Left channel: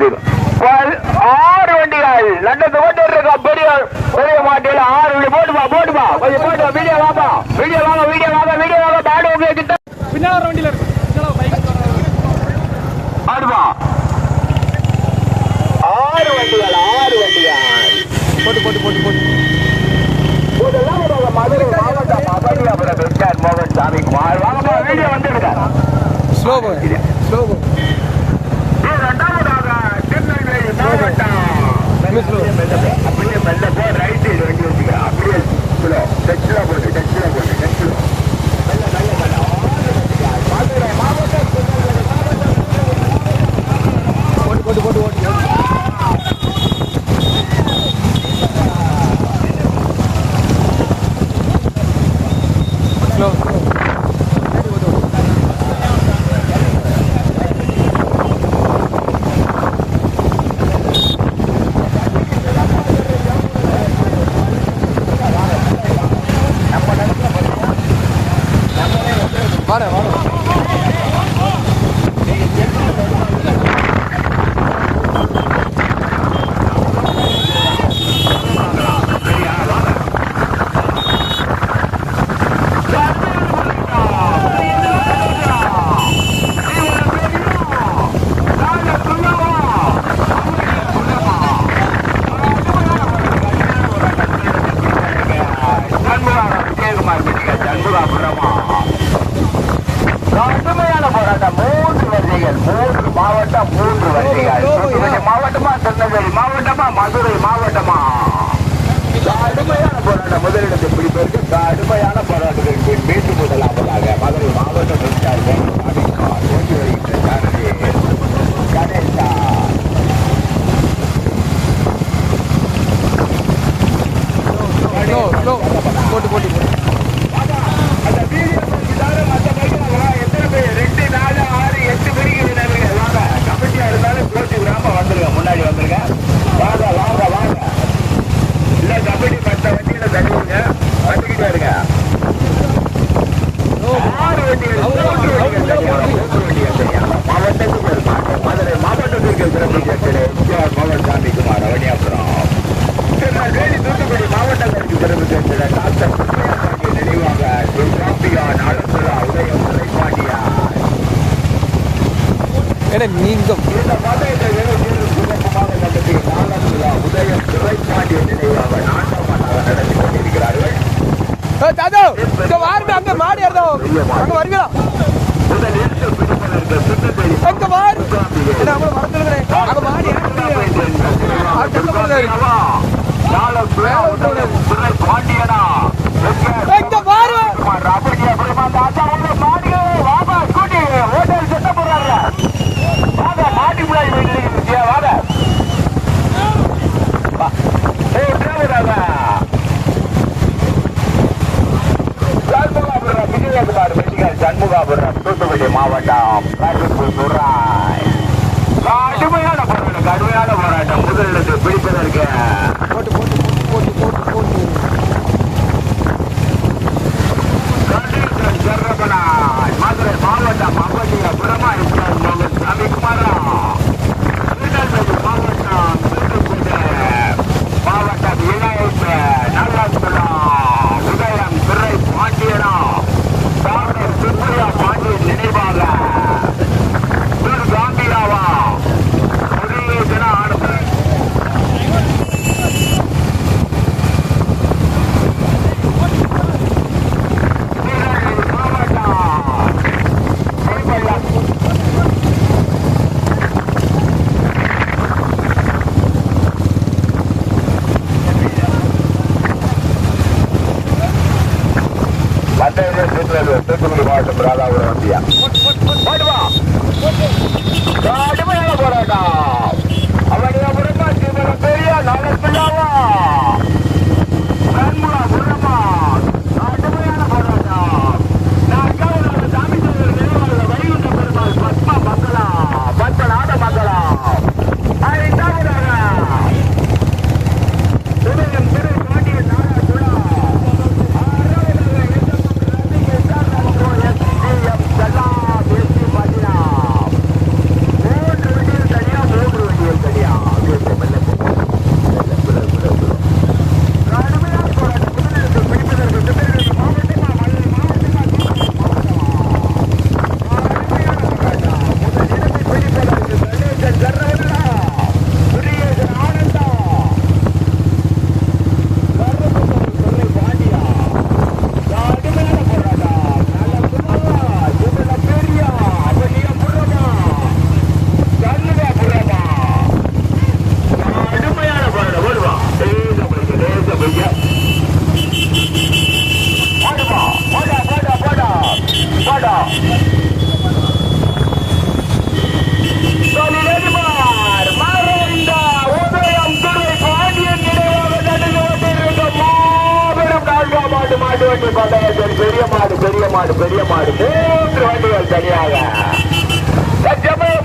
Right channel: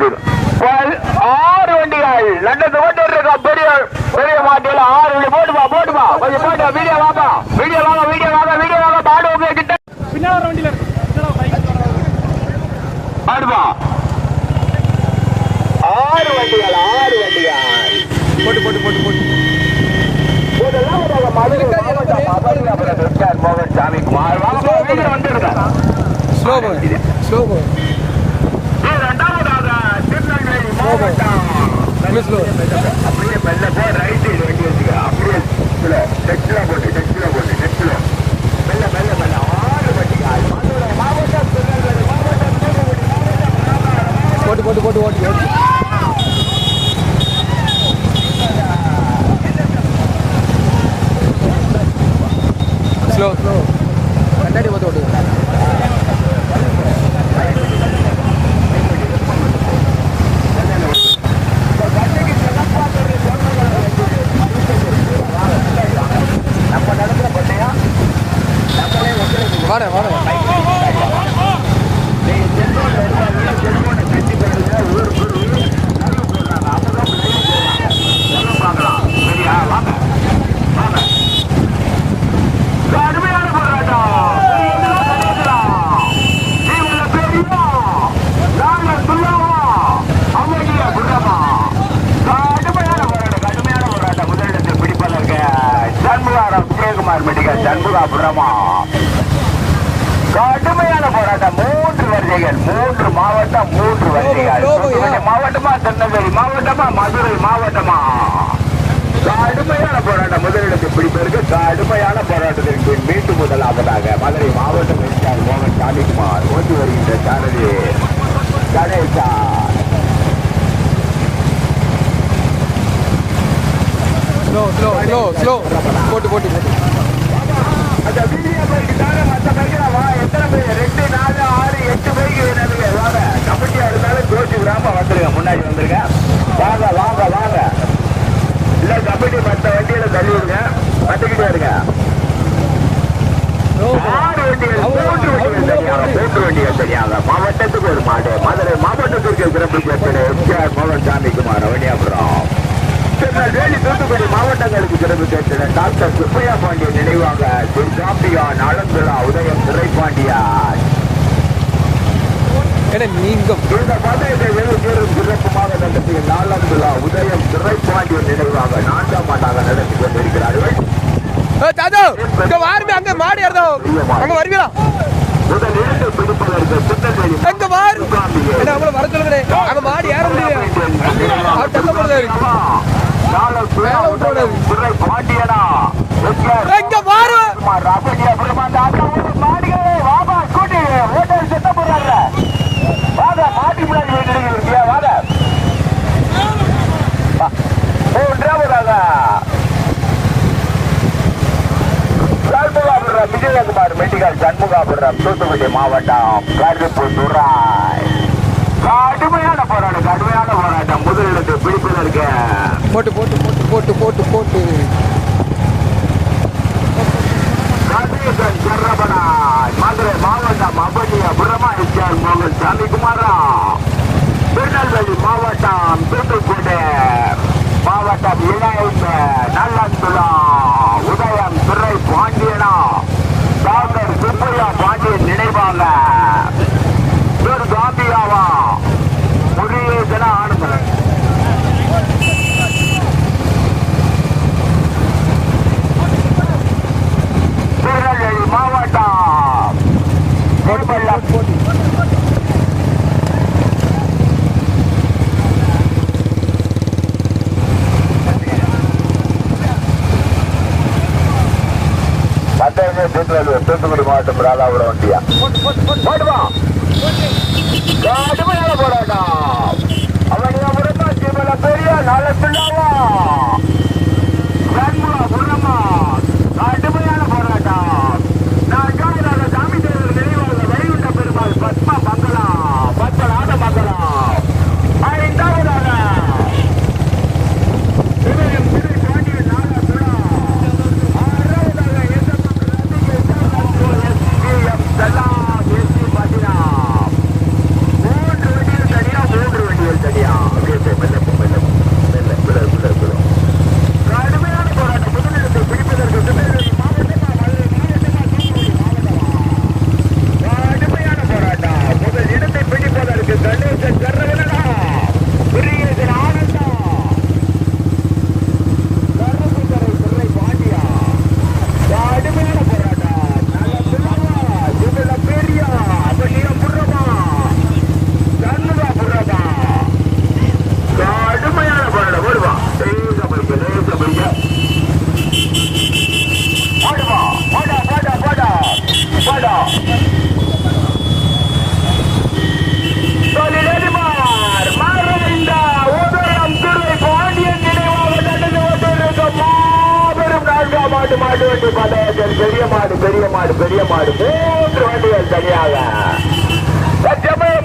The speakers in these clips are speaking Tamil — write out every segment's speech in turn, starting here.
ஆறு வண்டிகள் லண்டத்து ஓட்டு இருக்கா. பெரிய பெரிய மாட்டில 6 வண்டி. போட்டுமா போட்டுமா கொஞ்சம் போட்டு வீடியோ வாங்க வீடியோ வாங்க வீடியோ வாங்க வீடியோ வாங்க. பாடி கிட்ட பின்னால வண்டியில ஆடுமா. 6 வண்டிகள் 6 வண்டிகள் போட்டு போட்டு போட்டு போட்டு மதுரை மாவட்டம் மதுரை மோகன் சாமி குமார் வந்துருங்க. ஸ்லோ ஸ்லோ இரண்டாவதாக திருநெல்வேலி மாவட்டம் அப்படியே மெல்ல போ. ரைட் சைடு வண்டி வச்சுக்க. அப்படியே டெக்ஸ்ட்ல போட்டு டெக்ஸ்ட்ல போட்டு டெக்ஸ்ட்ல மெல்ல மெல்ல மெல்ல 6 வண்டிகள் மதுரை மாவட்டம் திருநெல்வேலி மாவட்டம் போட்டு போட்டு போட்டு ஓட்டு ஓட்டு ஸ்லோ ஸ்லோ கண்ணாடி போட்டு ஓட்டு வாட வாட கடுமையான போராட்டம். 3 வரிசைகள் 3 மாவட்டம் 3 வரிசைகள். மாவட்டமா திருநெல்வேலி மாவட்டமா மதுரை மாவட்டமா கடுமையான போராட்டம். முதலிடத்தை பிடிப்பதற்கு கடுமையான போராட்டத்திற்கு மீண்டும் முதலாவதாக மதுரை மாவட்டம் மின்சார் மோகன் சாமிக்குமார் ஓட்டி வருகின்ற சாரதி கணேசார். ஸ்லோ ஸ்லோ ஸ்லோ ஸ்லோ போட்டு போட்டு போட்டு அந்த வீடியோ பைக்கு மற்ற பைக்கில் வா. எத்தனை பைக் 2 4 6 8 பைக்கு வாங்க. கமிட்டியா இருந்தாலும் ஜோசி விடாம வந்துருங்க. முன்னாடி வந்துருங்க. வாங்க வாங்க வாங்க. இல்ல கமிட்டி மற்ற வண்டியில தருவாங்க. வந்துக்கிட்டு வருங்க. 6 வண்டிகள் தெரியாத மாவட்டத்துக்கு ஒரு மாடு. மதுரை மாவட்டத்திற்கு சிறப்பு கேட்பது எம்ஜிஆர் மோகன் சாமிக்குமார் அவனியாபுரம். வேலி தூத்துக்குடி மாவட்டங்களுக்கு சிறப்பு கேட்பது டாக்டர் சுப்பையா பாண்டியன் நினைவாக சாம்பியான் அலந்துலா உதயம் துரைப்பாண்டியார். நீங்கம் இந்த பந்தயத்தை வெகு பெரும் சிறப்புமாக நடத்தி நாலந்துலா உதயம் துரைப்பாண்டியன் நினைவாக 4ஆம் ஆண்டாக நடத்தி கொண்டிருக்கிறார்கள். அங்க மாடி அங்க வருவீங்களா? முதல் இடத்தை பிடிப்பதற்கு திருநெல்வேலி வர சொல்லுங்க. அங்க மாடி ஏற முடியும். பாண்டியனா சட்டம் போடுறாங்க. வாங்க மாட்டி முன்னாடி இருக்கியா வாங்க. விஜயகுமார் மெடிக்கல் சண்முகாபுரம் தூத்துக்குடி மாவட்டம் காசிப்பூர் துராய். கடுமையான போராட்டம் கடுமையான போராட்டம். முதலிடத்தை பிடிப்பதற்கு போட்டு போட்டு போட்டு போட்டு போட்டு போட்டு மதுரை மாவட்டம் மபலியபுரமா மோகன் சாமிக்குமாரா. திருநெல்வேலி மாவட்டம் தூத்துக்குடி மாவட்டம் இணைந்த நல்லந்துலா உதயம் துறை பாண்டியனா டாக்டர் சுப்பையா பாண்டியன் நினைவாக காம்பியாவா முருகேசனா ஆடுகிறேன். தூத்துக்குடி மாவட்டம் ராதாபுரம் வண்டியா கடுமையான போராட்டம். அவனியாபுரம் பெரிய நாளத்தில்லாவா புறமா கடுமையான போராட்டம். நான்காவது சாமி தேவர் நினைவாக வைகுண்ட பெருமாள் பத்மா மக்களா பத்தலாத மக்களா. 5ஆவதாக உதயம் திரு பாண்டியன் நாராசுரா. 6ஆவதாக எஸ்எம் செல்லா தேசி பாட்டினா. 3 வண்டிகள் தனியா 3 வண்டிகள் பெரிய மாடு பெரிய மாடு பெரிய மாடு 3 வண்டிகள் தனியாக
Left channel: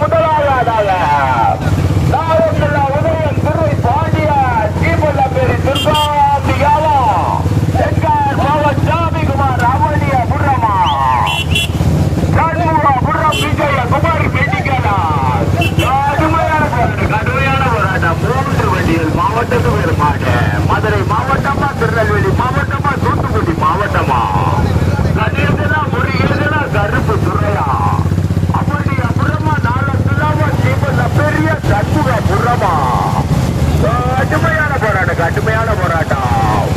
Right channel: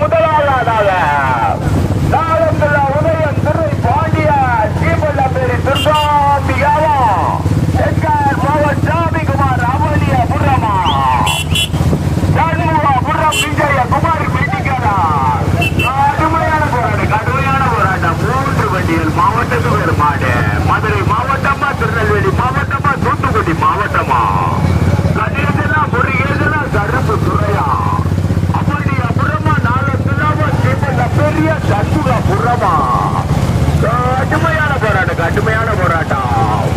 முதலாவதாக உதயம் துறை பாண்டியா தீபல்ல பேரு துர்காண்டியாவும் பவன் சாமிகுமார் அவனிய புறமா புறம் விஜய குமாரி கடுமையான போராட்டம் 3 வண்டிகள் மாவட்டத்து பேர் மாடு மதுரை மாவட்டமா திருநெல்வேலி மாவட்டமா தூத்துக்குடி மாவட்டமா கருப்பு துறையா அப்படி அப்புறமா நாளத்துலாம தீபல்ல பெரிய சண்முக புறமா கடுமையான போராட்டம்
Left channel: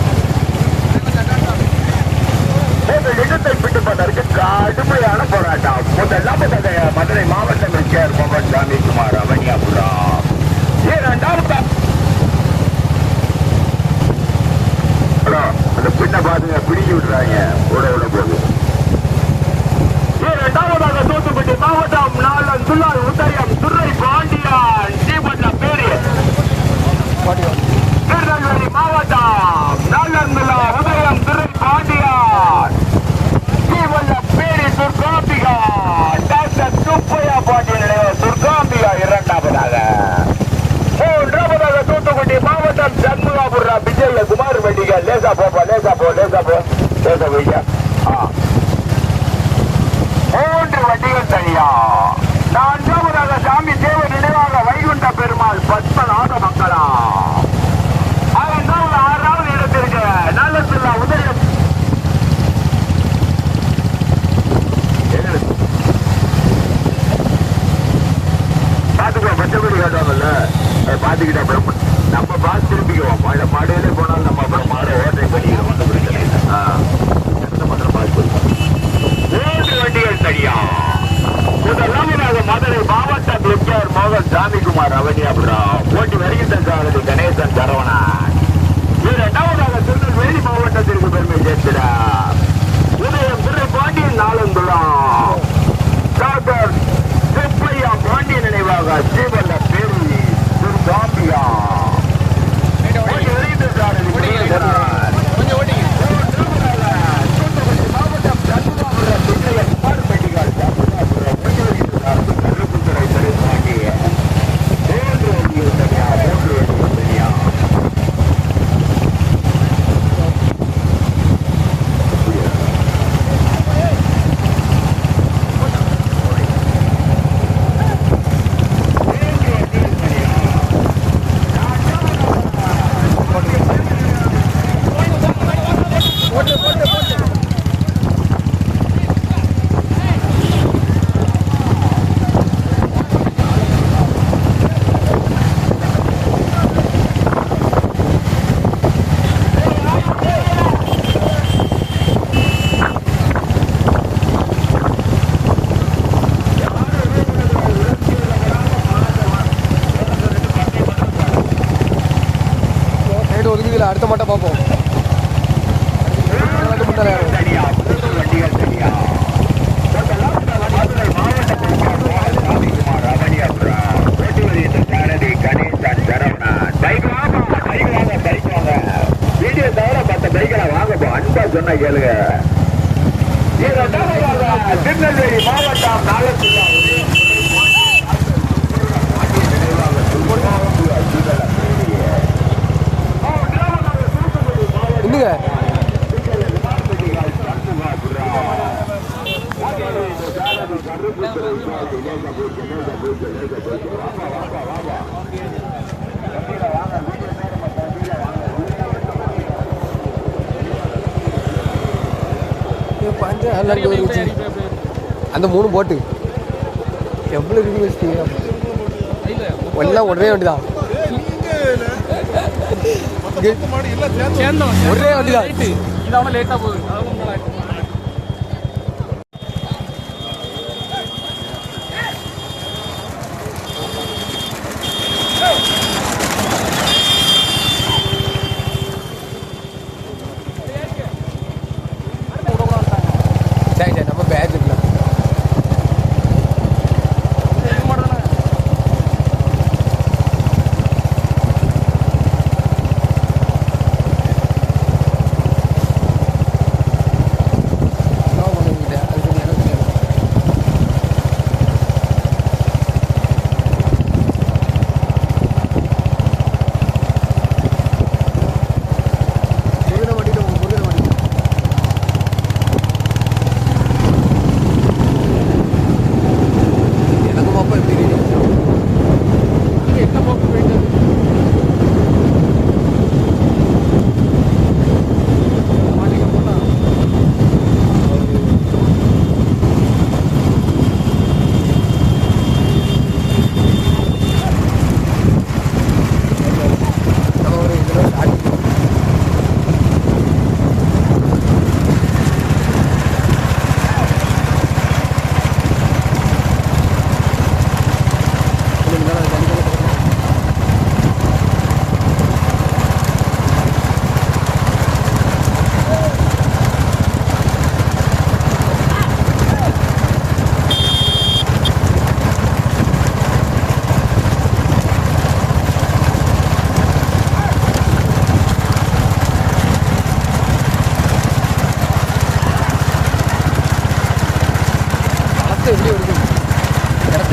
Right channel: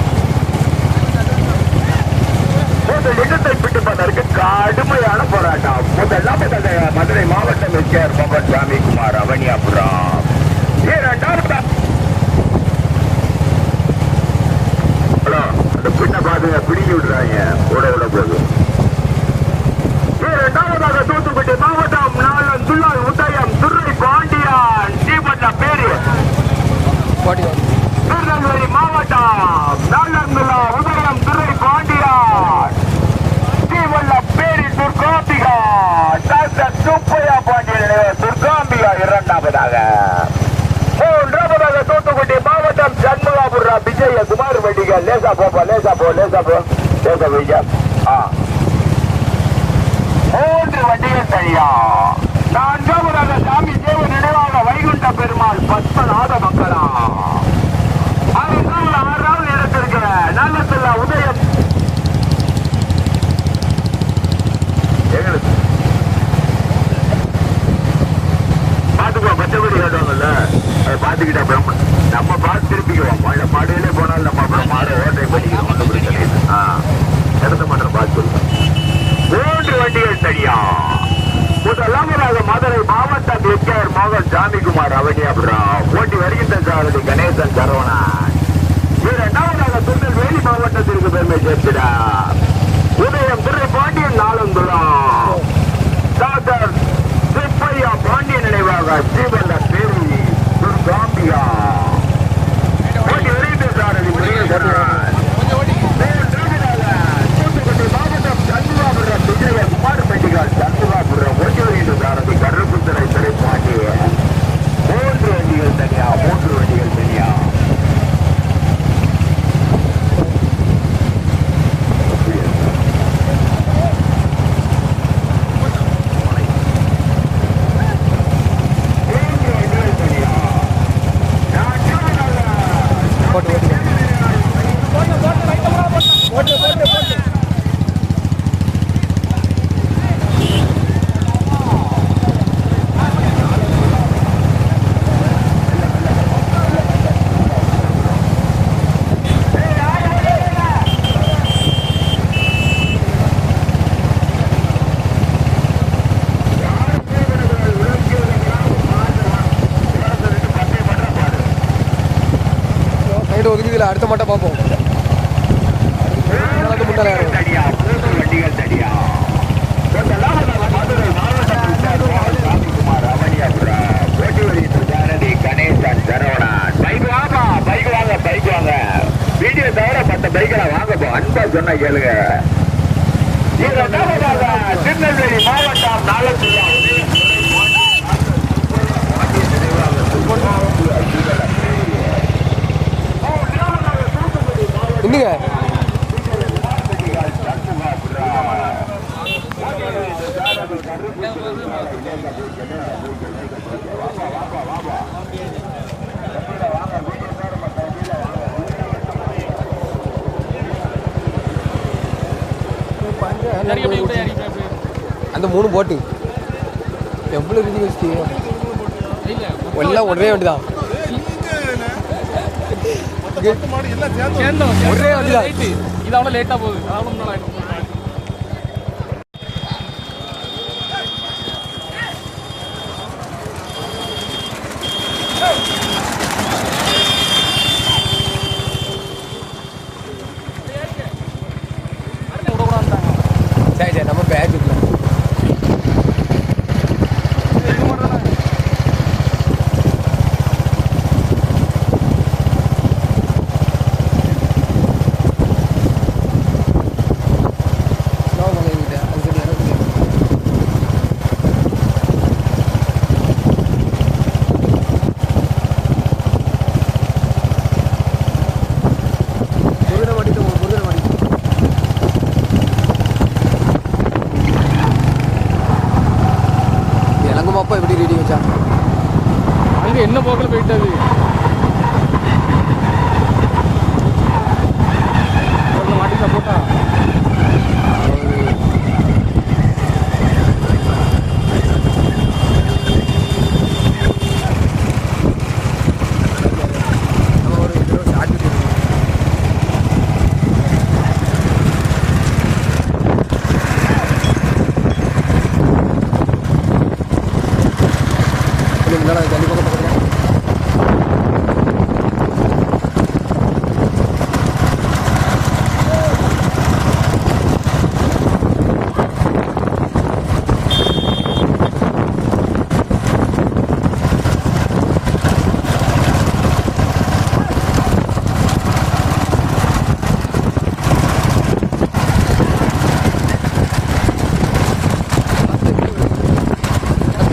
இடத்தை விட்டு பண்ணருக்கு கடுமையான போராட்டம் முதலாம் மதுரை மாவட்டம் எஸ்கேஆர் பவன் சாமிகுமார் அவனியாபுரம் இரண்டாவது அந்த பின்ன பாத்துங்க பிடிங்கி விடுறாங்க ஓட போதும் இரண்டாவதாக தூத்துக்குடி மாவட்டம் நாளன் துள்ளால் உதயம் துறை பாண்டியான் தீபல்ல பேரு திருநெல்வேலி மாவட்டம் நாளன் துள்ளா உதயம் துறை பாண்டியான் தீபல்ல பேரி துர்காம்பிகா டாக்டர் சுப்பையா பாண்டியன் துர்காம்பிகா இரண்டாவதாக மூன்றாவதாக தூத்துக்குடி மாவட்டம் சண்முகாபுரம் விஜய குமார் வண்டிகள் லேசா போ வைங்க 3 வண்டிகள் தனியா நான்காவதாக சாமி தேவ நினைவாக வைகுண்ட பெருமாள் பத்மநாத மக்களா 6வது இடத்திற்கு நல்லத்துல உதயம் பாத்துக்கோ பச்சைப்படி காட்டுவாங்கல்ல அதை பாத்துக்கிட்டா அப்புறம் நம்ம பார்த்து திரும்பிக்குவோம் மாடுகளே போனாலும் நம்ம அப்புறம் மாடை ஓட்டை பண்ணிக்கிறோம் ஒன்றும் பிரச்சனை இல்லை இடத்த மாத்திரம் பார்த்து 3 வண்டிகள் சரியா முதலாவதாக மதுரை மாவட்டம் எஸ்கேஆர் மோகன் சாமிகுமார் அவனியாபுரம் போட்டி வருகின்ற சாரதி கணேசன் சரவணன் இரண்டாவதாக திருநெல்வேலி மாவட்டத்திற்கு பெருமை சேர்த்திட உதயம் துறை பாண்டியன் நாளந்துளம் டாக்டர் சுப்பையா பாண்டியன் நினைவாக ஸ்ரீவல்ல பேரி துர்காம்பிகா போட்டி வருகின்ற சாரதி தூத்துக்குடி மாவட்டம் சண்முகாபுரம் விஜய குமார் பெட்டிகால் சண்முகாபுரம் ஓட்டி வருகின்ற சாரதி கருப்புத்துறை துறை பாண்டிய 3 வண்டிகள் தனியா ஒதுக்குதுல அடுத்த மாட்டை பார்ப்போம். சொன்ன கேளுங்க. திருநெல்வேலி மாவட்டம் இன்னுங்க அந்த 3 போட்டு எவ்வளோ ரிஜி வச்சுட்டீங்க எல்லாம் ஒரே வண்டிதான் ஒரே வண்டிதான் லேட்டா போகுது. சரி சரி நம்ம பேட்ச் இருக்கலாம்.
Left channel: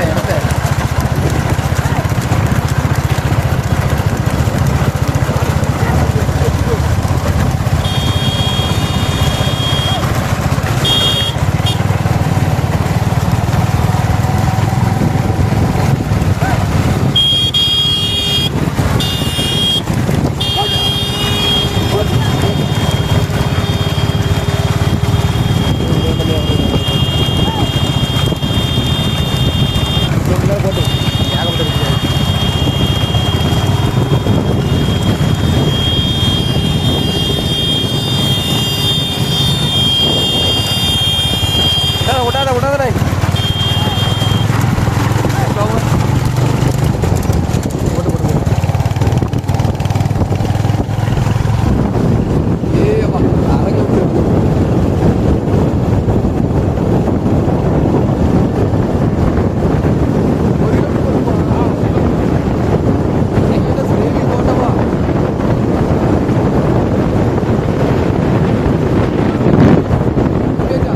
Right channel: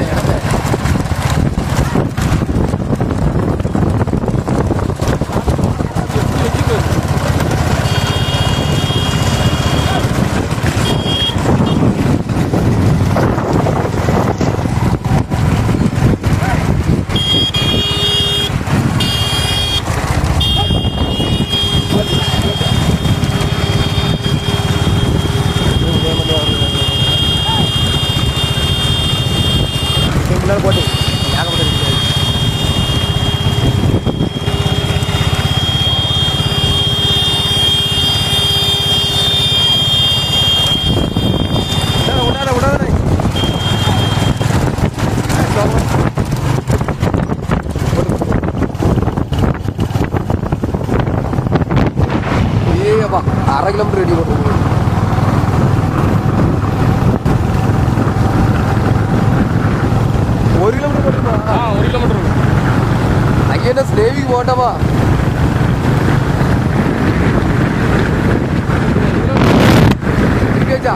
காட்டுறேன் இடத்த. போட்டு ஏகப்பட்ட விடாத விடாதே போட்டு போட்டு போட்டு ஏப்பா 1/2 கிலோமீட்டர் ரெடி போட்டு ஸ்லேவி போட்டவா கேட்டா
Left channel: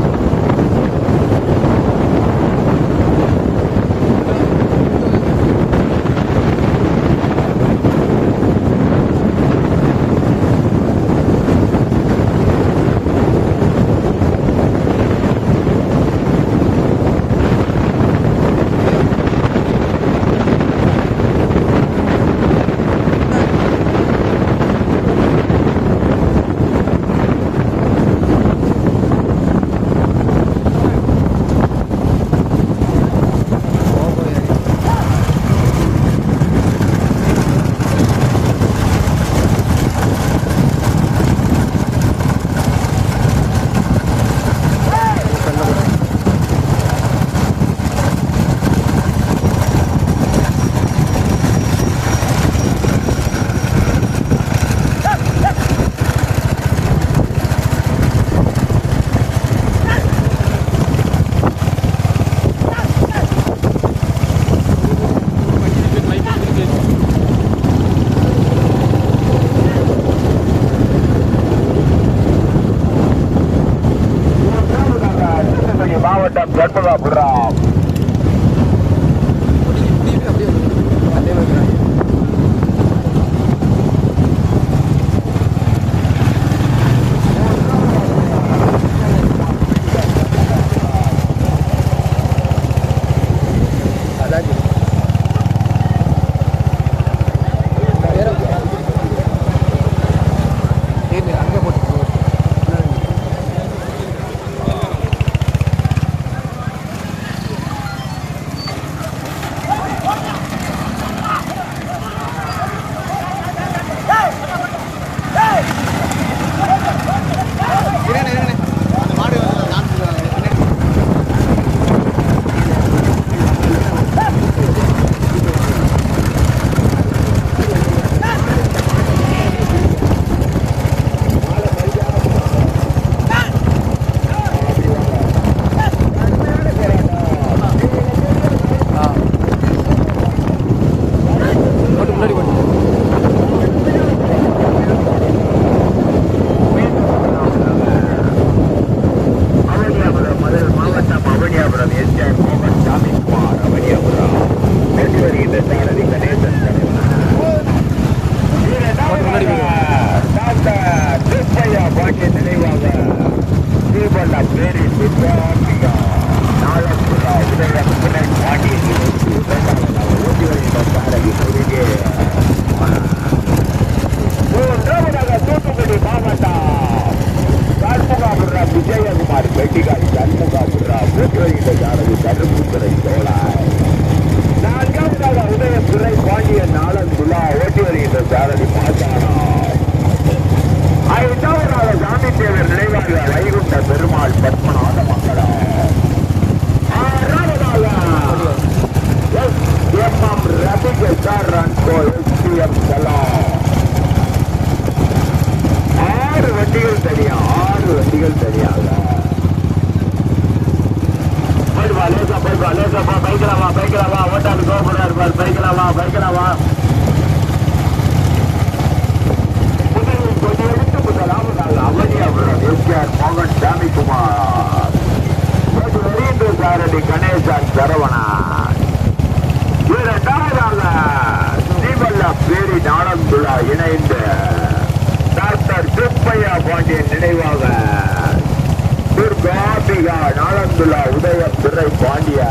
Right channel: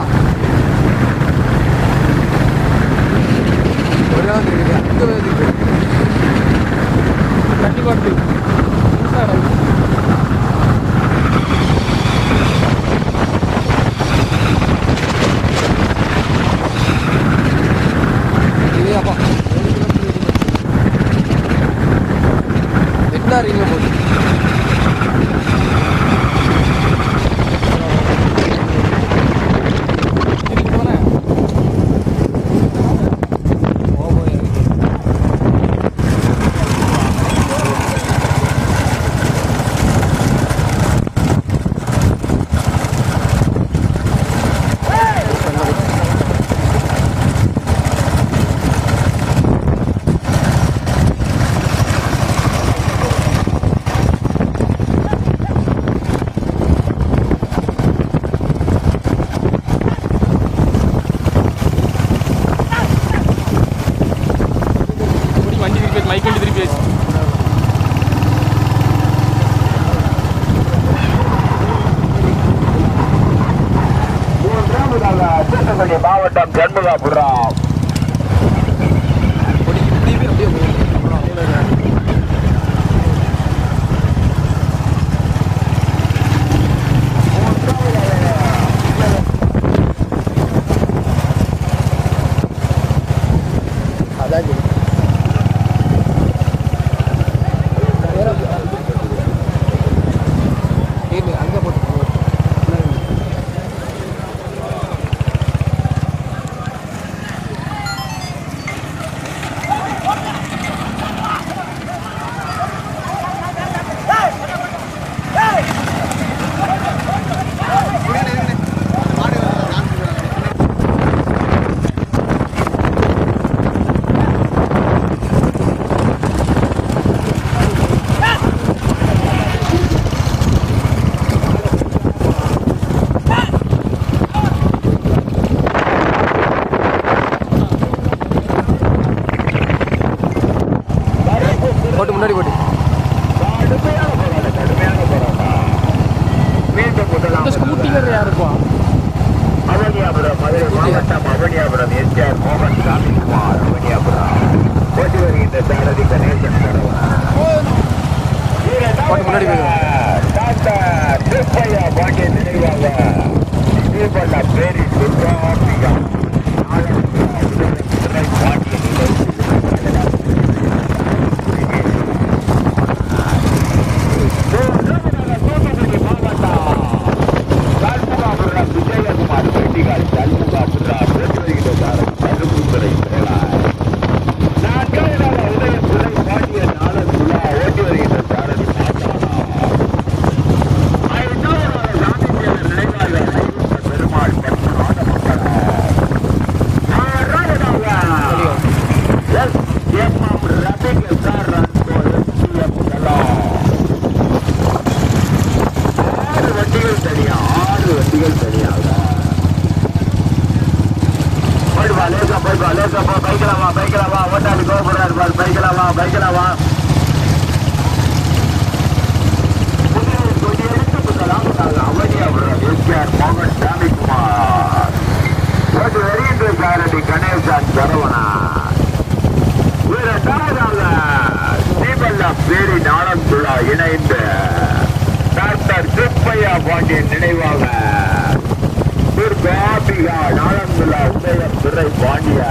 மாவட்டம் கர்ப்பகாபுரம் இப்படியுமே அப்படியே அதே மாதிரி அதான் அங்கே போட்டு முன்னாடி போட்டு அவனியாபுரம் மதுரை மாவட்டம் அவனியாபுரம் எஸ்ஆர் மோகன் சாமிக்குமார் அவனியாபுரம் கொண்டு வருகின்ற சாரதி கணேசன் டாக்டர் திருப்பையா பாண்டிய நினைவாக தீபல்ல பேரி துர்காம்பிகா விஜயகுமார் கட்டிகாரி சண்முகா உதய பாண்டிய நாளன் குலா ஓட்டி வருகின்ற சாரதி நினைவாக ஐருண்ட பெருமாள் பத்மநாத மக்கள் கணேசன் சரவணா இரண்டாவதாக ஸ்ரீவல்லா பேரி நாளந்துலா இணைந்த டாக்டர் சுப்பையா பாண்டியன் நினைவாக துர்காபிகா நாளந்துலா உதய துறை பாண்டியா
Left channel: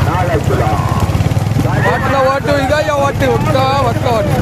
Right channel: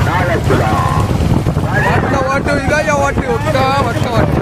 நாளந்துலா வாட்டுல ஓட்டு இதாயா ஓட்டு ஒக்கா வக்க ஓட்டு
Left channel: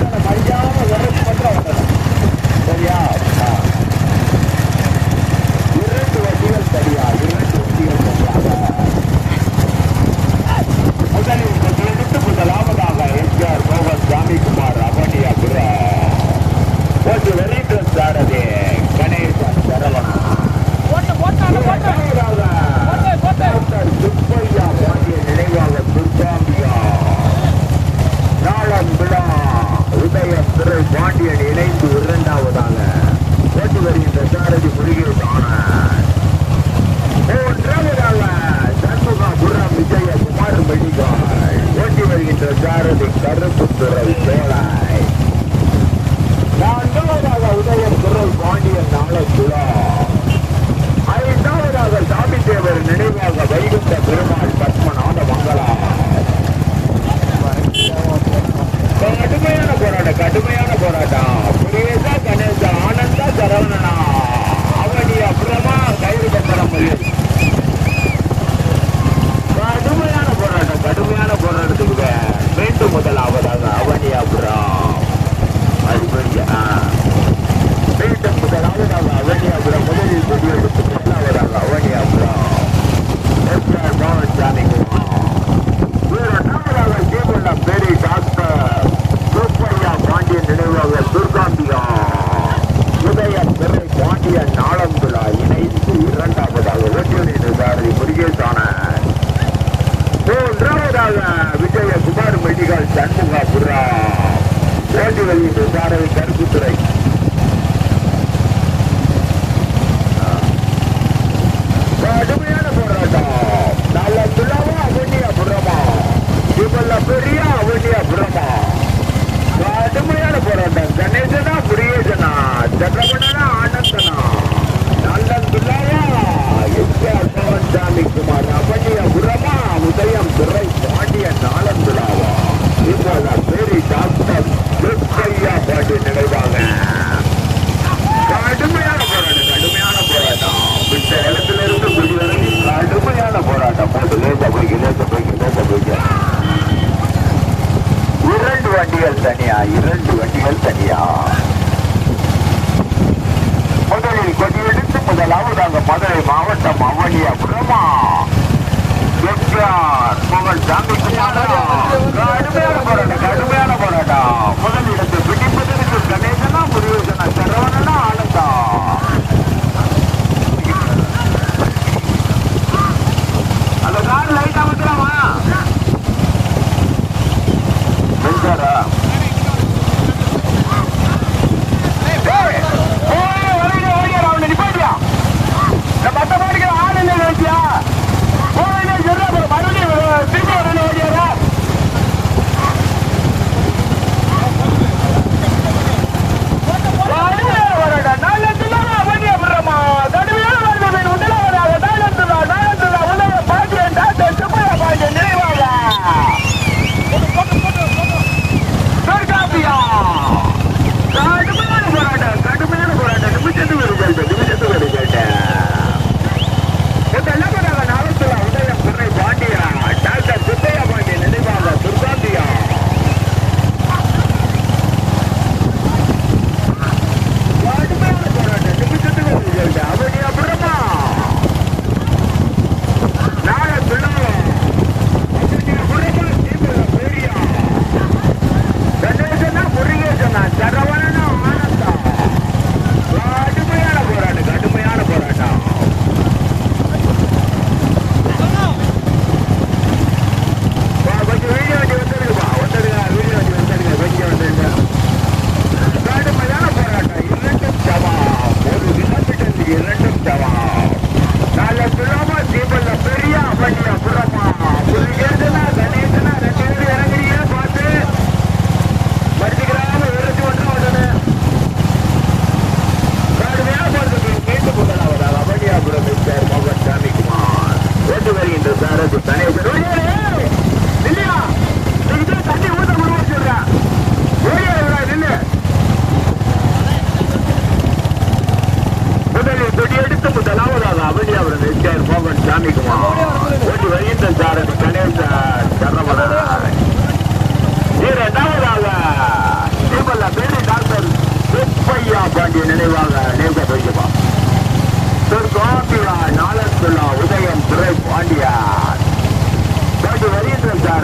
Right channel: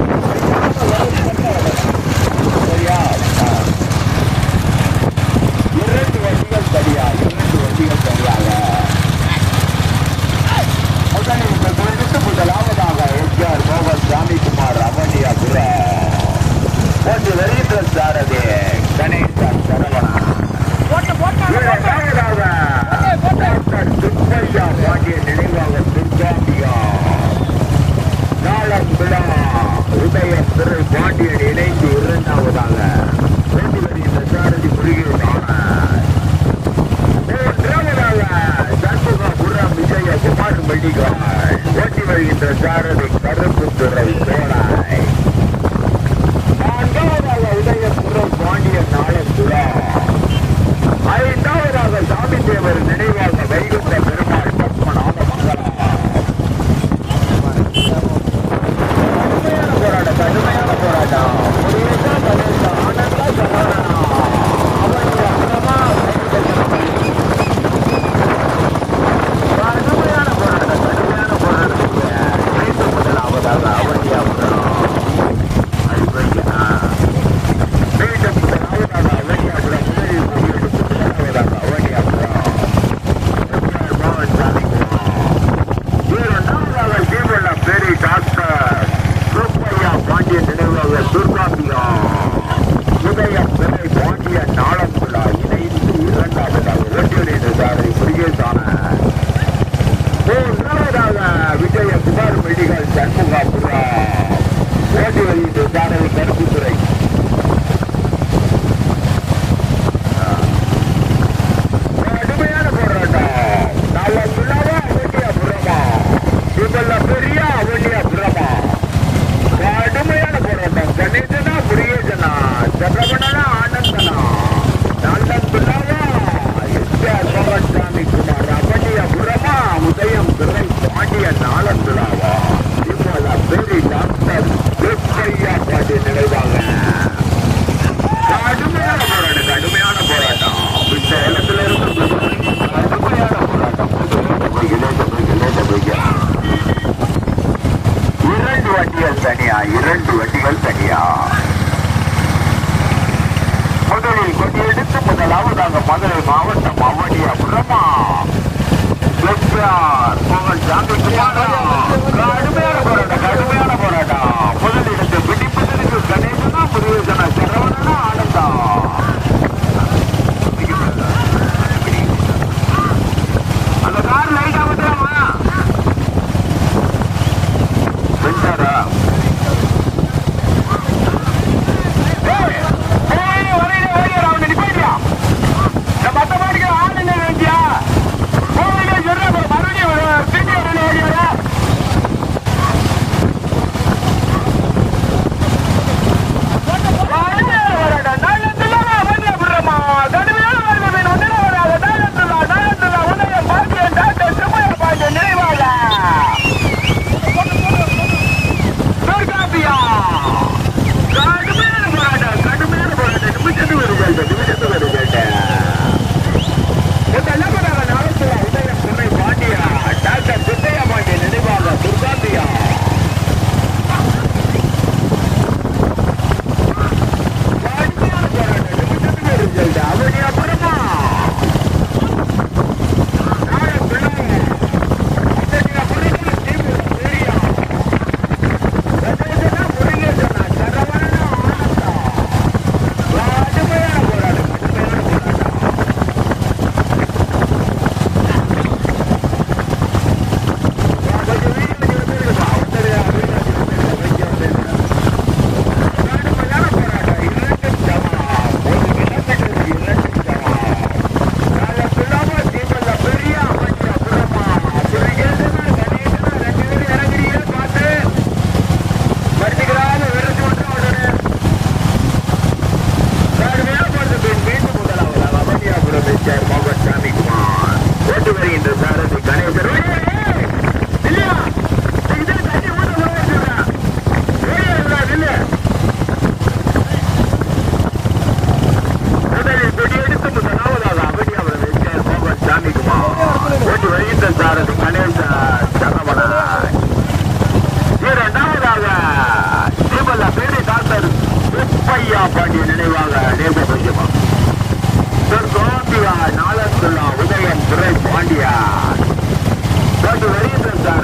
இரண்டு வண்டிகள் தனியா. முதலில் கொடியெடுத்து முதலாவதாக மதுரை மாவட்டம் அவனியாபுரமா புகழ் சாமி கடுமையான போராட்டம். முதலிடத்தை பிடிப்பதற்கு கணேசனா முருகனா சரவணனா ஆனந்தா. அந்த கார் லைட்டா விட்டுலாமா சென்சாரா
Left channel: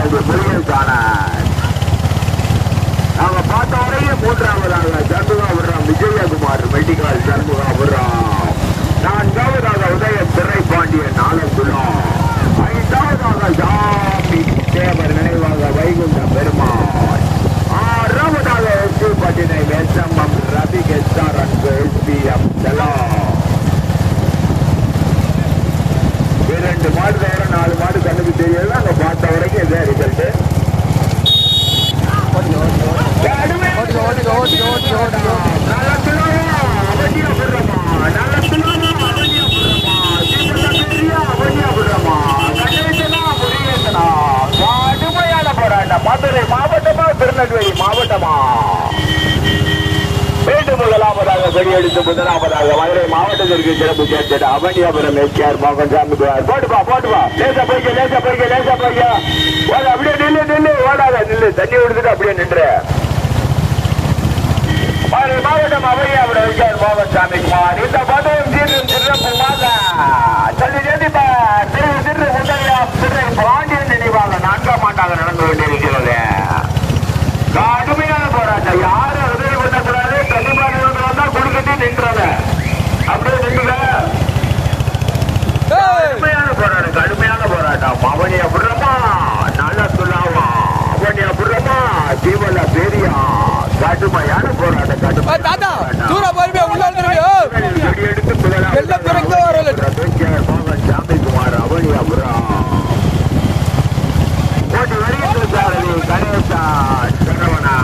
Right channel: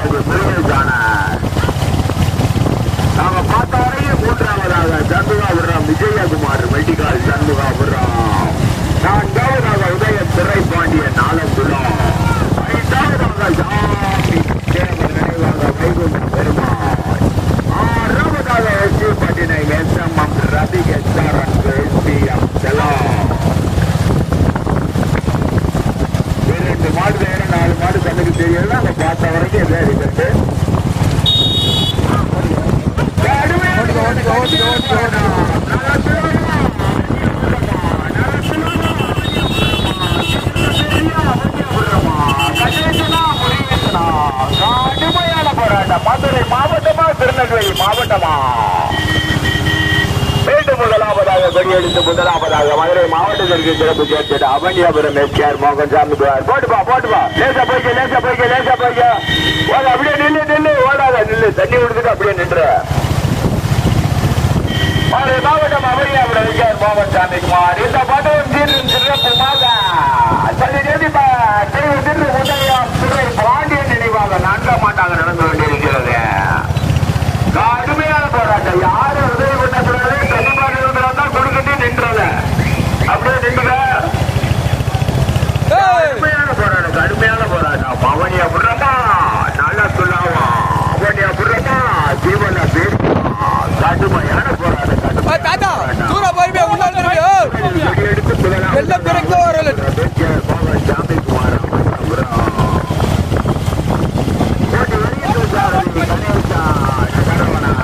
சாரதி முருகேசான நாங்க பார்த்த வரையும் மூன்றாவதாக சண்முகா விடுறோம் விஜயகுமார் மெடிக்கல் சண்முகா விடுறோம். நான்காவதாக உதய திரை பாண்டியன் ஆலந்துள்ளோம். ஐந்தாவதாக ஜாமி தேவர் நினைவாக வைகுண்டம் பெருமாள். ஆறாவதாக எஸ்பி பட்டினை எஸ்எம்எம் ரவி எஸ்ஆர்என் எஸ்பிஎம் செல்லாம். 2 மாடுகளோட 4 மாடு கண்ணுக்கு தெரியல. அந்த பார்த்த வரைக்கும் எதோ இருக்கிறது. ஓட்டிக்கோ ஓட்டிக்கோ ஓட்டிக்கோ ஓட்டிக்கோ ஓட்டிக்கோ கடுமையான போராட்டம். மதுரை மாவட்டமா திருநெல்வேலி மாவட்டமா? மீண்டும் முதலாவதாக கொடியெடுத்து முதலாவதாக மதுரை மாவட்டத்திற்கு சிறப்பு சேர்த்தது அவனியாபுரம் எஸ்ஆர் மோகன்சாமி. போட்டுப்பா போட்டுப்பா. லேசா போய்க்க லேசா போய்க்க லேசா போய்க்க. அப்படியே நில்லு நில்லு ஓடாத நில்லு. தண்ணி விடுத்துட்டு அப்படியே நின்று. மதுரை மாவட்டம் அவனியாபுரம் எஸ்ஆர் மோகன்சாமி குமார். இந்த பதவும் தீர்வும் சிறப்புமாக தள்ளி நிறுத்திப்பா. திரு திரு முத்தையா திரு பாண்டியன் நினைவாக 4ஆம் ஆண்டாக நடந்து கொண்டிருக்கிறது. கடுமையான போராட்டம். யாரும் உதவி பண்ணக்கூடாது. கண்டிப்பாக கொடுக்கட்டி நின்றாங்க. அப்படியே நின்றுங்க. கடுமையான போராட்டம் கடுமையான போராட்டம். அவனியா புறமா நல்லா சொல்லாவா. அவனியா புறமா ஜீவன பெரியா. கடுமையான போராட்டம். தாத்தா தூர போய் உள்ள எடுத்து எல்லாம் பிறகு வரல. ஜாமிக்குமார் அவனியா புறம் போட்டி வெளியிட்டு சாரதி கணேசா சரவணா.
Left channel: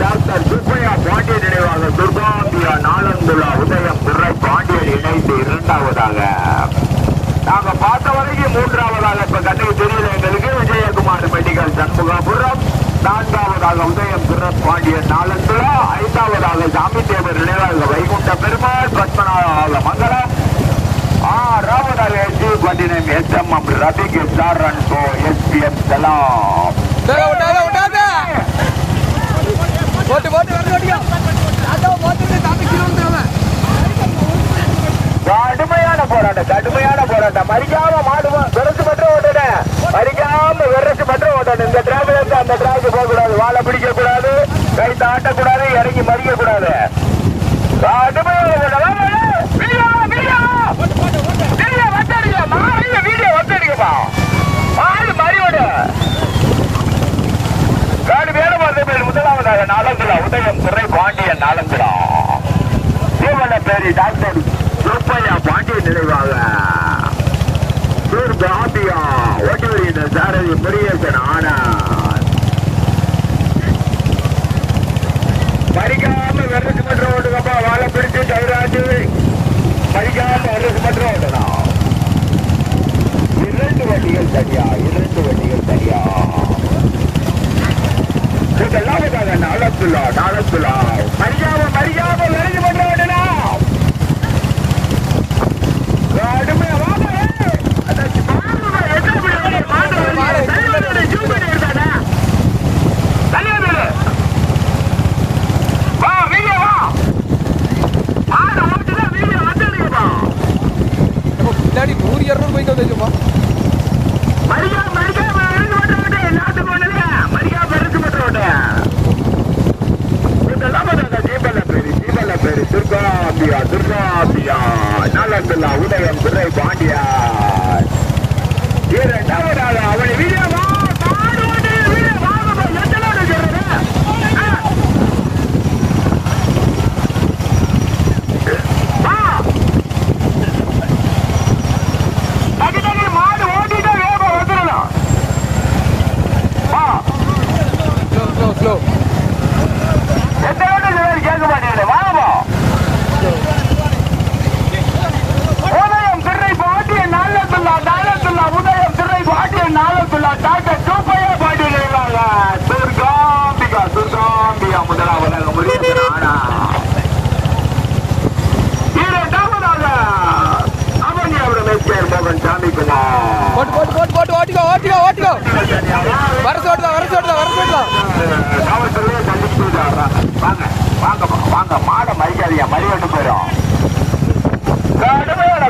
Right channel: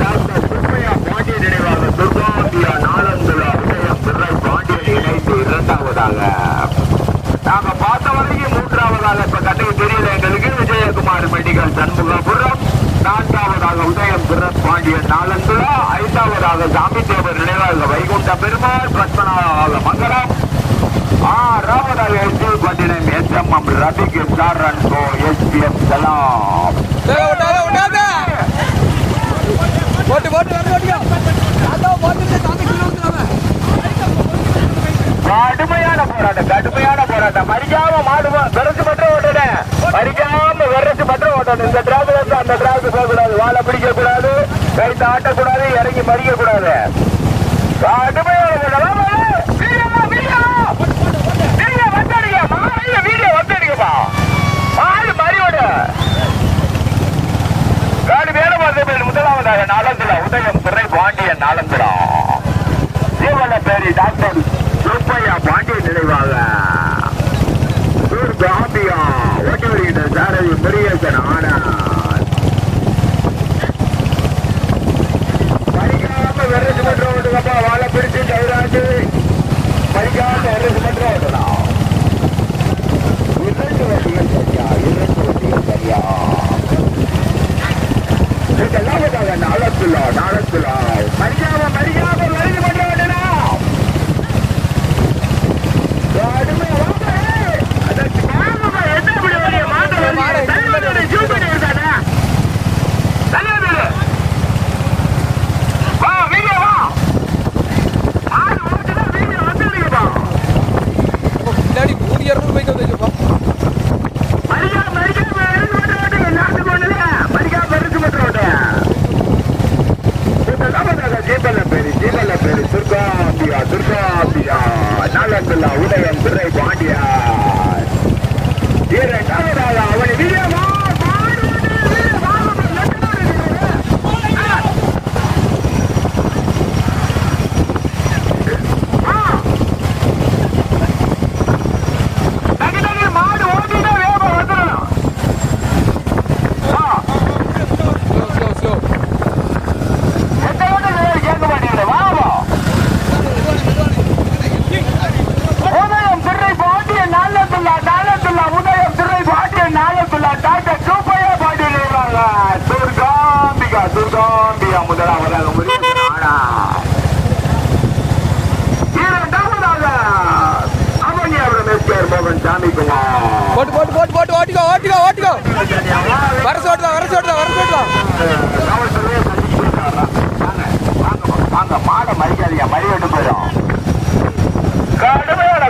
டாக்டர் சுப்பையா பாண்டிய நினைவாக துர்காம்பியா நாலந்துலா உதயம் பிறை பாண்டியன் இணைந்து 2ஆவதாக. நாங்க பார்த்த வரைக்கும் 3ஆவதாக இப்ப கண்ணுக்கு தெரியல எங்களுக்கு. விஜயகுமார் மெடிக்கல் சண்முகாபுரம். 4ஆவதாக உதயம் பிறை பாண்டியன் நாலந்துலா. 5ஆவதாக சாமி தேவர் நினைவாக வைகுண்ட பெருமாள் பத்மநாத மங்கலம். 6ஆவதாக எஸ்பி பட்டினம் எஸ்எம்எம் ரபிக் எஸ்ஆர்என் எஸ்பிஎம் செல்லாம். போட்டு போட்டு வரணும் ஓட்டிக்கோ. தாத்தா போட்டு தாத்தா கீழே வந்துடுவேன். கடுமையான போராட்டம் கடுமையான போராட்டம். மறிக்காம மாடு விரசு மட்டும் ஓட்டணும். மறிக்காம விரசு மட்டும் ஓட்டணும். இந்த டிராக்ல இருந்து அந்த டிராக்கு போக கூடாது. வாழை பிடிக்க கூடாது. கைத்து ஆட்டக்கூடாது. இறங்கி மறிக்க கூடாது. கடுமையான போராட்டம். வீடியோ வந்தடிக்கப்பா. மாடு மறியோட காடு வேலை பார்த்த முதலாவதாக நாலந்துலா உதயம் துறை பாண்டியன் நாலந்துலா. ஜீவன பேரி டாக்டர் சுப்பையா பாண்டியன் நினைவாக துர்காம்பியா ஓட்டி வருகின்ற சாரதி முருகேசன் ஆனார். மறிக்காம வெரசு மட்டும் ஓட்டுக்கப்பா. வாழை பிடிச்சு கைராட்டு. மறிக்காம வெரசு மட்டும் ஓட்டலாம். 2 வண்டிகள் சரியா 2 வண்டிகள் சரியா. முதலாவதாக நாலந்துலா நாலந்துலா. மறிக்காம மறிக்காம வெரசு மட்டும் ஓட்டலாம். கடுமையா வாங்க. அதற்கு மாமா எத்தனை மணி வரையும் மாட்ட தலைவரோட ஜூம் பண்ணி இருக்கானே. தலைவர் வா வீடியோ வா. மாடு ஓட்டுனா வீடியோ வந்துடுங்கப்பா. பின்னாடி 100-200 பைக் வந்துச்சுப்பா. மறிக்காம மறிக்காம வெரசு மட்டும் ஓட்டு. எல்லாத்துக்கும் ஒண்ணுல மறிக்காம வெரசு மட்டும் ஓட்டு. முதலாவதாக ஜீவன பேரு துர்காம்பியா துர்காம்பியா நாலந்துலா உதயம் துறை பாண்டியா. 2ஆவதாக அவனை வீடியோ வா. மாடு ஓட்டு வீடியோ வாங்க. எத்தனை மாடு ஓட்டிட்டா வேகம் வந்துடலாம். ஸ்லோ எத்தனை கேட்க மாட்டேங்குது. வாங்கப்பா. உதயம் திரை பாண்டியன் நாலந்துலா நாலந்துலா உதயம் திரை பாண்டியன் நாலந்துலா டாக்டர் சூப்பையா பாண்டியன் நினைவாங்க துர்காம்பிகா துர்காம்பிகா முதலாவதாக முருகேசன் ஆனா. 2ஆவதாக அவனியாபுரம் எஸ்ஆர் மோகன் சாமிக்குமார். போட்டு போட்டு போட்டு போட்டு ஓட்டிக்கோ ஓட்டிக்கோ ஓட்டிக்கோ. வரசு ஓட்டுதான் வரசு ஓட்டுதான் வரசு ஓட்டுதான். காவல்துறையை சந்திச்சு போயிட்டு வாங்க வாங்க வாங்க. மாடை மறிக்காதீங்க. மறி வெட்டு போயிடும். கடுமையான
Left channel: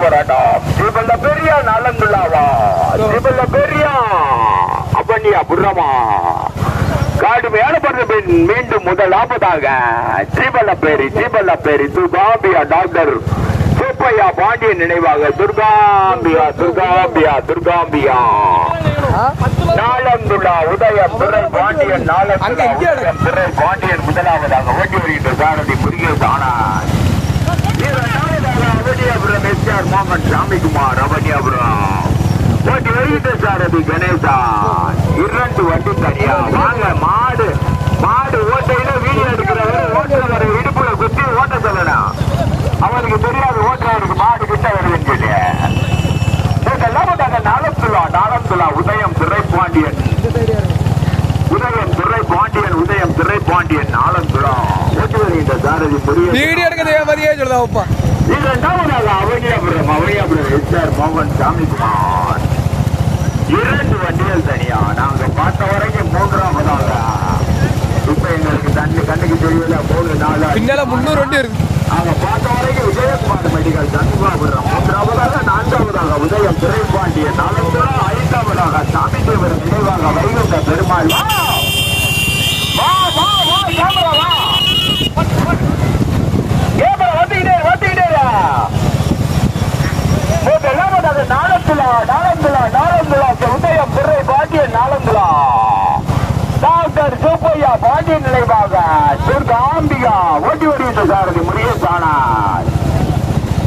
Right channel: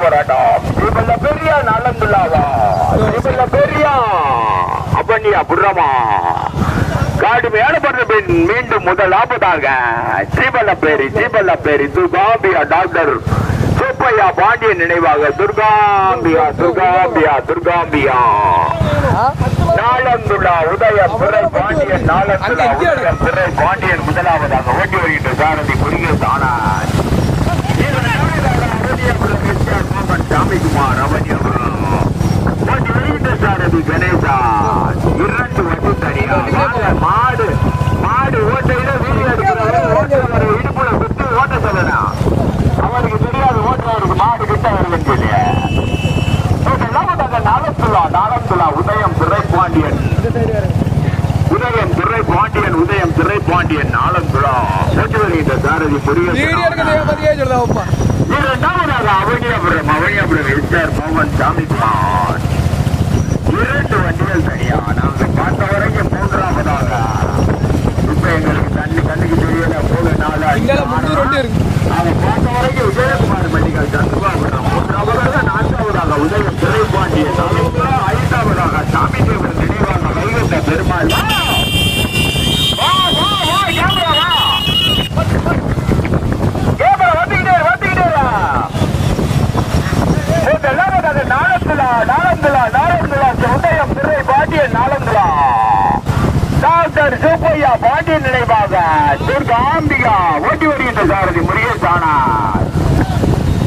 போராட்டம் ஸ்ரீபல்ல பெரியா நலந்துள்ளாவா ஸ்ரீபல்ல பெரியா அப்பண்ணியா புறமா கடுமையான போராட்டம் மீண்டும் முதலாவதாக ஸ்ரீபல்ல பேரி துர்காம்பியா டாக்டர் சுப்பையா பாண்டியன் நினைவாக துர்காம்பியா நாளந்துள்ளா உதயம் துறை பாண்டியன் துறை பாண்டியன் முதலாவதாக ஓட்டி வருகின்ற சாரதி முருகேஷ் ஆனார் அவனியாபுரம் எஸ்ஆர் மோகன் சாமிக்குமார் அவனியாபுரம் ஓட்டி வருகின்ற சாரதி கணேசன் 2 வண்டி தனியா மாடு ஓட்டையில வீடியோ எடுக்கிறவர் ஓட்டுறவர் இடுப்புல குத்தி ஓட்ட சொல்லணும் அவருக்கு தெரியாது ஓட்டுறவருக்கு மாடு கிட்ட வருதுன்னு சொல்லி நாளந்துலா உதயம் துறை பாண்டியன் நாளந்துலா ஓட்டி வருகின்ற சாரதி முருகேஷ் இரண்டாவதாக அவனியாபுரம் எஸ்ஆர் மோகன் சாமிக்குமார் 2 வண்டிகள் தனியா நாங்க பார்த்த வரைக்கும் மூன்றாவதாக இப்ப எங்களுக்கு கண்ணுக்கு தெரியல பின்னால 300 வண்டி இருக்கு நாங்க பார்த்த வரைக்கும் விஜயகுமார் மெடிக்கல் தந்துபாபுரம் மூன்றாவதாக 4வதாக உதயம் திரைப்பாண்டியன் 5வதாக சாமி தேவர் நினைவாக வைகுண்ட பெருமாள் உதயம் துறை பாண்டியன் நாளந்துலா டாக்டர் சுப்பையா பாண்டியன் நினைவாக துர்காம்பிகா ஓட்டி வருகின்ற சாரதி முருகேஷ் ஆனார்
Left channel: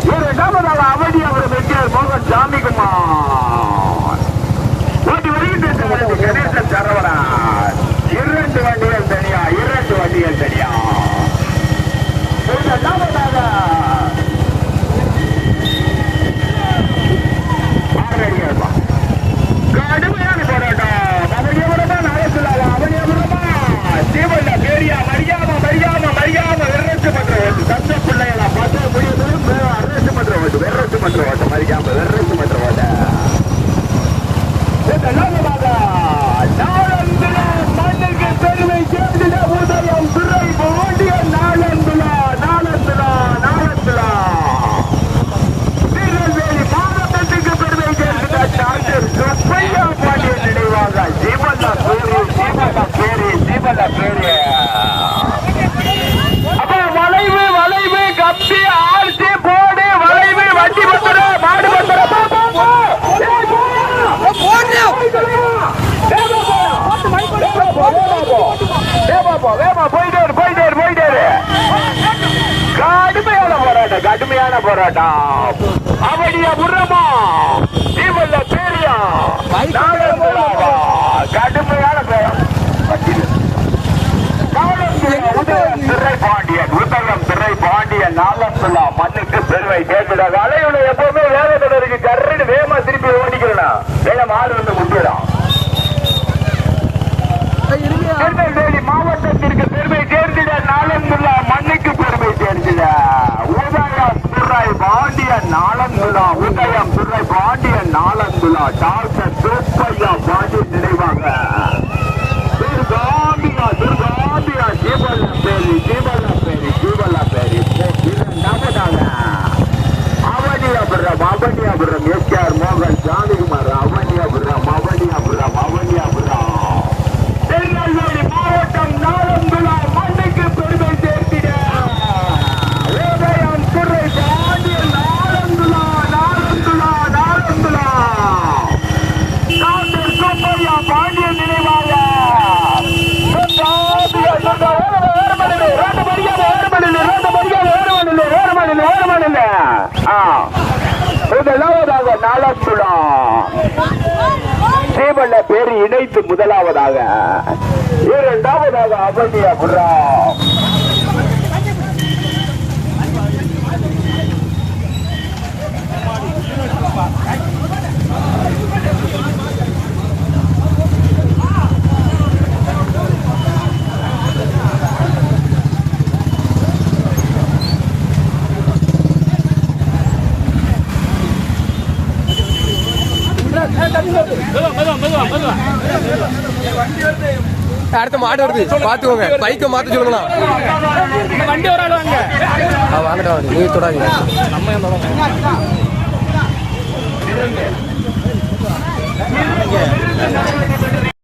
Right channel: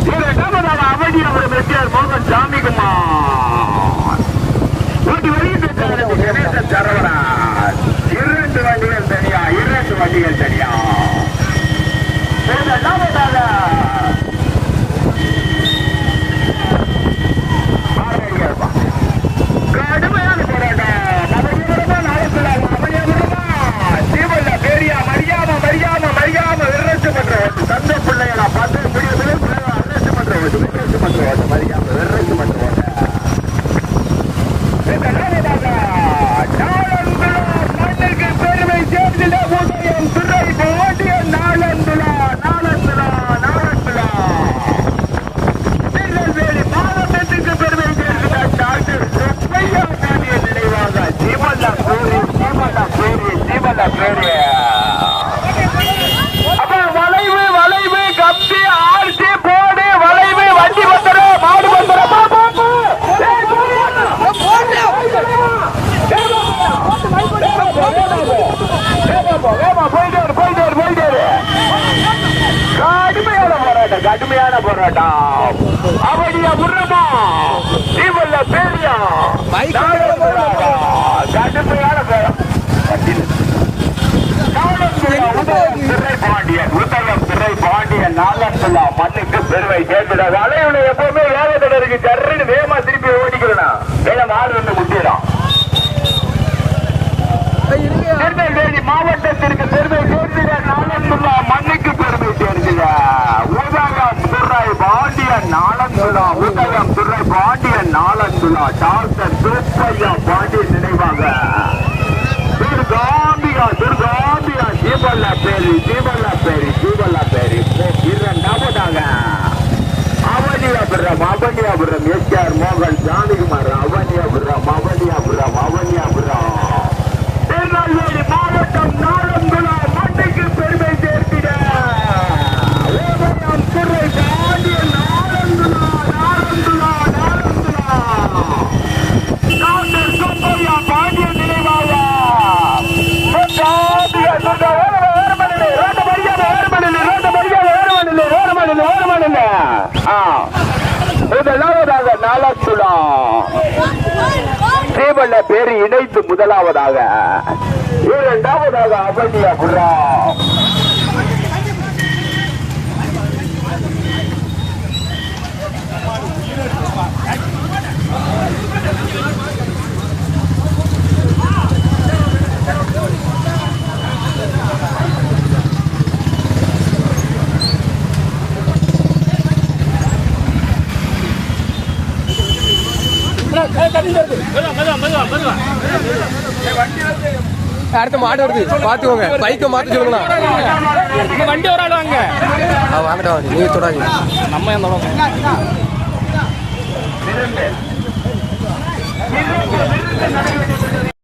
2வதாக அவனியாபுரம் எஸ்ஆர் மோகன் சாமிக்குமார் ஓட்டி வருகின்ற சாரதி சரவணன் 2 வண்டிகள் தனியா 2 வண்டிகள் தனியா கடுமையான போராட்டம் தந்த பிள்ளைகளா பார்த்து முடியுது வெறச்சு மற்ற ஓட்டம் மறிக்காம வெறச்சு மற்ற ஓட்டம் பெருமை சேர்ந்த உதயம் துறை பாண்டியன் நாளந்துலா திருநெல்வேலி மாவட்டத்துக்கு பெருமை சேர்ந்த டாக்டர் சுப்பையா பாண்டியன் நினைவாக ஜீவல்லா பேரு வளைவு கம்பி ஆர்சி போடு வளைவு வண்டி வந்தது மாடு போயிட்டாரு கடுமையான போராட்டம் அவனியா புறமா ஜீவல்ல பேரியா கடுமையான உதயம் திரை பாண்டியன் நாளந்துலா மண்ணுக்கு பெருமை சேர்க்கிறாங்க அலையுள்ள எப்பவுமே வேகத்தோட இருக்கு ஜர்ன்னு வேகமா திருப்பி ஓடிக்கிறேன் வேகம் ஆறு வந்து முட்டிடும் திருநெல்வேலி மாவட்டத்திற்கு பெருமை சேர்ந்திட நாளந்துலா மண்ணுக்கு பெருமை சேர்ந்திட உதயம் துறை பாண்டியன் நாளந்துலா டாக்டர் சுப்பையா பாண்டியன் நினைவாங்க துர்காம்பியா ஜீவல்லா பேரி இரண்டாவதாக அவனியாபுரம் எஸ்ஆர் மோகன் சாமிக்குமார் அவனியாபுரம் திருநெல்வேலி மாவட்டம் நாளந்துலா மண்ணுக்கு பெருமை சேர்த்திட உதயம் துறை பாண்டியன் நாளந்துலா டாக்டர் சுப்பையா பாண்டியன் நினைவாக முதலாவதாக நாளந்துலா ஜீவல்ல பேரு இணைத்து முதலாவதாக 2வதாக அவனியாபுரம் அடுத்த மாடு வருது பாத்துக்கோங்க பைக்கை மாத்த சொல்லுங்களா வண்டி வராங்க வாங்கிட்டு வாங்க நீங்கள் தொடாதீங்க.